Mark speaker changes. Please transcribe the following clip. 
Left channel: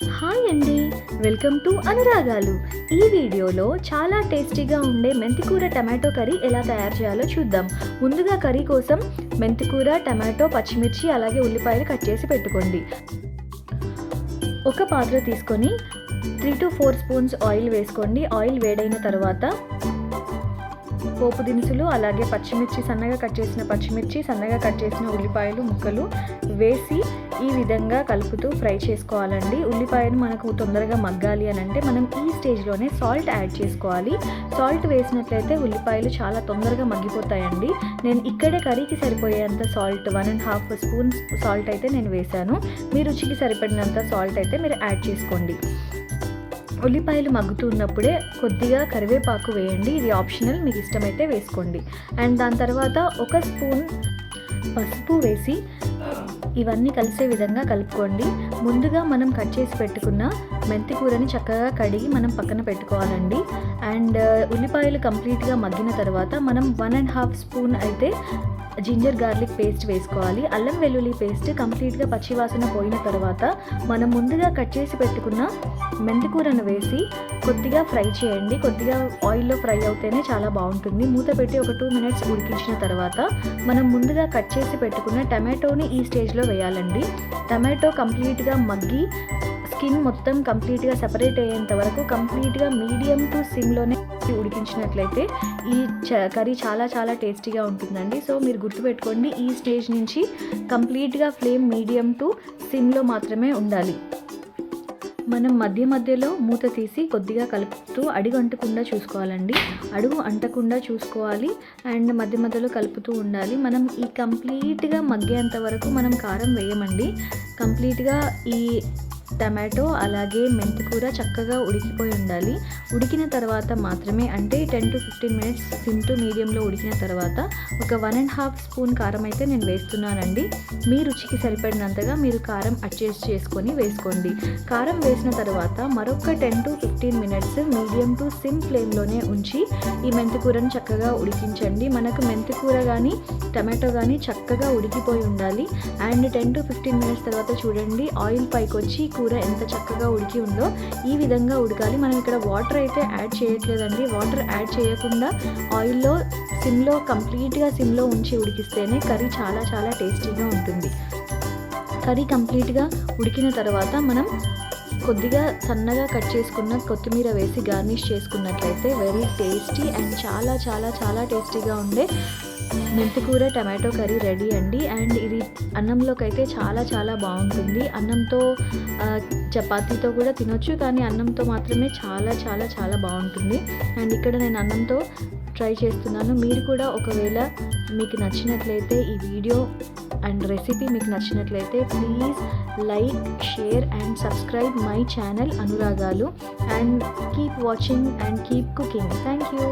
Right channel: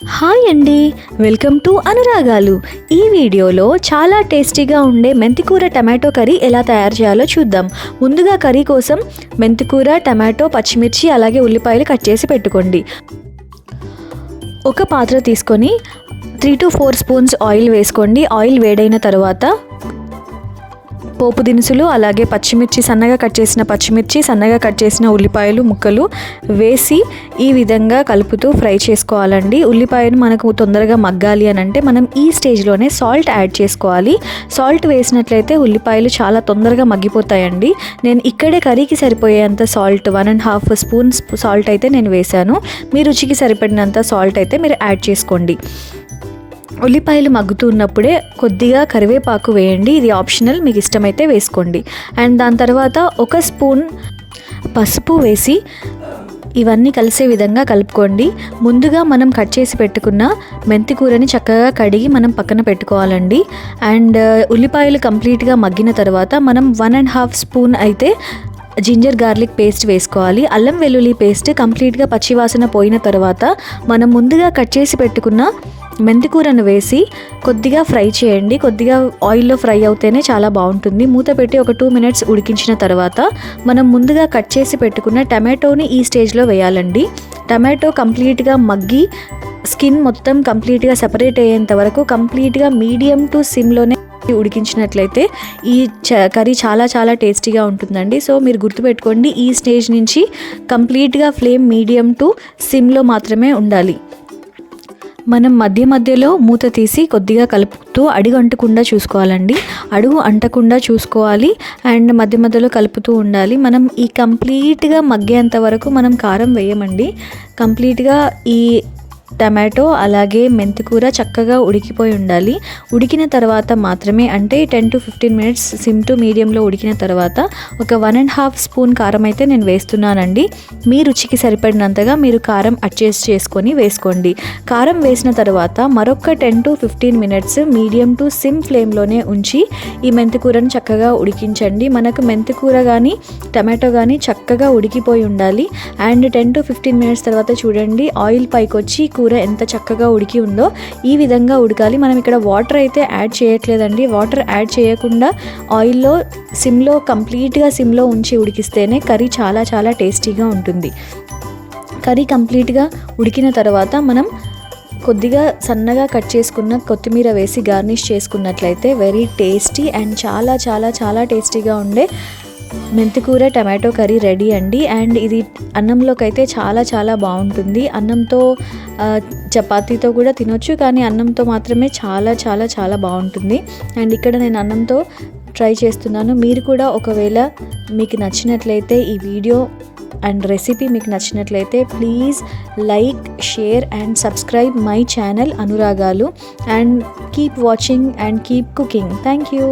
Speaker 1: Hi అండి welcome to అనురాగాలు. ఈ వీడియోలో చాలా టేస్టీగా ఉండే మెంతికూర టమాటో కర్రీ ఎలా తయారు చేయాలో చూద్దాం. ముందుగా కర్రీ కోసం మెంతికూర టమాటో పచ్చిమిర్చి అలాగే ఉల్లిపాయలు కట్ చేసి పెట్టుకోండి. ఒక పాత్ర తీసుకొని three to four spoons oil వేసుకోండి. ఆయిల్ వేడైన తర్వాత పోపు దినుసులు అలాగే పచ్చిమిర్చి సన్నగా కట్ చేసిన పచ్చిమిర్చి సన్నగా కట్ చేసిన ఉల్లిపాయలు ముక్కలు వేసి ఈ విధంగా కలుపుతూ ఫ్రై చేసుకోవాలండి. ఉల్లిపాయను మనకు తొందరగా మగ్గాలి అని అంటే మనం ఈ స్టేజ్లోనే సాల్ట్ యాడ్ చేసుకోవాలి. సాల్ట్ వేసినట్లయితే ఉల్లిపాయలు చాలా తొందరగా మగ్గిపోతాయండి. నేను ఇక్కడే కర్రీకి సరిపోయేంత salt one and half spoon salt అయితే నేను వేశాను. మీ రుచికి సరిపడినంత సాల్ట్ అయితే మీరు యాడ్ చేసుకోండి. ఉల్లిపాయలు మగ్గుతూ ఉన్నప్పుడే కొద్దిగా కరివేపాకు వేయండి. ఇది ఆప్షనల్ మీకు ఇష్టమైతే వేసుకోండి. అండ్ దాని తర్వాత ఒక స్పూన్ పసుపు వేసి ఇవన్నీ కలిసే విధంగా కలుపుకోండి. ముందుగా మనం కట్ చేసి పెట్టుకున్న మెంతి కూరని చక్కగా కడిగి మనం పక్కన పెట్టుకోవాలండి. అండ్ ఉల్లిపాయలు కంప్లీట్గా మగ్గిన తర్వాత మనం వన్ అండ్ హాఫ్ స్పూన్ అయితే జింజర్ గార్లిక్ పేస్ట్ వేసుకోవాలి. అల్లం వెల్లుల్లి పేస్ట్ కంప్లీట్గా పచ్చివాసన పోయిన తర్వాత మనం ముందుగా కట్ చేసి పెట్టుకున్న మెంతికూరను వేసి కొద్దిగా ఫ్రై చేయండి. కొద్దిగా ఆయిల్లో ఫ్రై అవుతేనే చాలా బాగుంటుంది. మూత పెట్టి ఒక టూ మినిట్స్ ఉడికించిన తర్వాత మనం ముందుగా కట్ చేసి పెట్టుకున్న టమాటోని ఈ స్టేజ్లో వేయాలండి. టమాటో కంప్లీట్గా మగ్గి స్కిన్ మొత్తం కంప్లీట్గా సెపరేట్ అయ్యేంత వరకు కంప్లీట్గా మీడియం టు సిమ్లోనే ఉడికించినట్లయితే ఈ చ కర్రీ చాలా చాలా టేస్టీగా ఉంటుందండి. సో మీరు గుర్తుపెట్టుకోండి ఈ స్టేజ్ నుంచి కంప్లీట్గా ఫ్లేమ్ మీడియం టు సిమ్లో మాత్రమే ఉండాలి. మనం మధ్య మధ్యలో మూత తీసి కొద్దిగా కలుపుతూ అడుగు అంటకుండా చూసుకోవాలండి. అడుగు అంటకుండా చూసుకోవాలి. అండ్ మధ్య మధ్యలో కలుపుతూ ఉండాలి. మనం ఈ కంప్లీట్గా మగ్గేంత వరకు మనం కారం వేయమండి. కంప్లీట్గా ఈ టమాటో అలాగే మెంతికూర చక్కగా ఉడికిపోయి ఉండాలి. ఉడికిన తర్వాత మాత్రమే అంటే ten to fifteen minutes sim to మీడియంలో ఉడికిన తర్వాత ఒక వన్ అండ్ హాఫ్ స్పూన్ కారం అయితే నేను వేస్తున్నానండి. మీ రుచికి సరిపడినంతగా మీరు కారం అడ్జస్ట్ చేసుకొని వేసుకోండి. కారం వేసిన తర్వాత మరొక ten to fifteen minutes medium to sim ఫ్లేమ్లోనే ఉంచి ఈ మెంతికూరను చక్కగా ఉడికించండి. మనకు మెంతికూర కానీ టమాటో కానీ చక్కగా ఉడికిపోయి ఉండాలి. And ten to fifteen minutes తర్వాత చూడండి ఆయిల్ పైకి వచ్చి కూర ఎంత చక్కగా ఉడికి ఉందో ఈ విధంగా ఉడకాలి. మనం ఇక్కడ వాటర్ అయితే యాడ్ చేయట్లేదండి. వాటర్ యాడ్ చేయకుండా ఆయిల్లో సిమ్లో కంప్లీట్గా సిమ్లో ఉంచి ఉడికిస్తేనే కర్రీ చాలా చాలా టేస్టీగా ఉంటుంది. కర్రీ కంప్లీట్గా ఉడికిన తర్వాత మనం కొద్దిగా సన్నగా కట్ చేసుకున్న కొత్తిమీర వేసి గార్నిష్ చేసుకున్నట్లయితే వెరీ టేస్టీ అండ్ చాలా చాలా చాలా టేస్టీగా ఉండే మెంతికూర టమాటో కర్రీ రెడీ అండి. అండ్ ఇది అన్నంలోకి అయితే చాలా చాలా బాగుంటుంది. అన్నంతో చపాతీతో కూడా తినొచ్చు కానీ అన్నంతో మాత్రమే చాలా చాలా చాలా బాగుంటుంది. అండ్ ఇక్కడ నేను అన్నంతో ట్రై చేస్తున్నాను. మీరు కూడా ఒకవేళ మీకు నచ్చినట్లయితే ఈ వీడియో అండ్ రెసిపీ మీకు నచ్చినట్లయితే please like share and subscribe my channel అనురాగాలు. And keep watching and keep cooking. Thank you.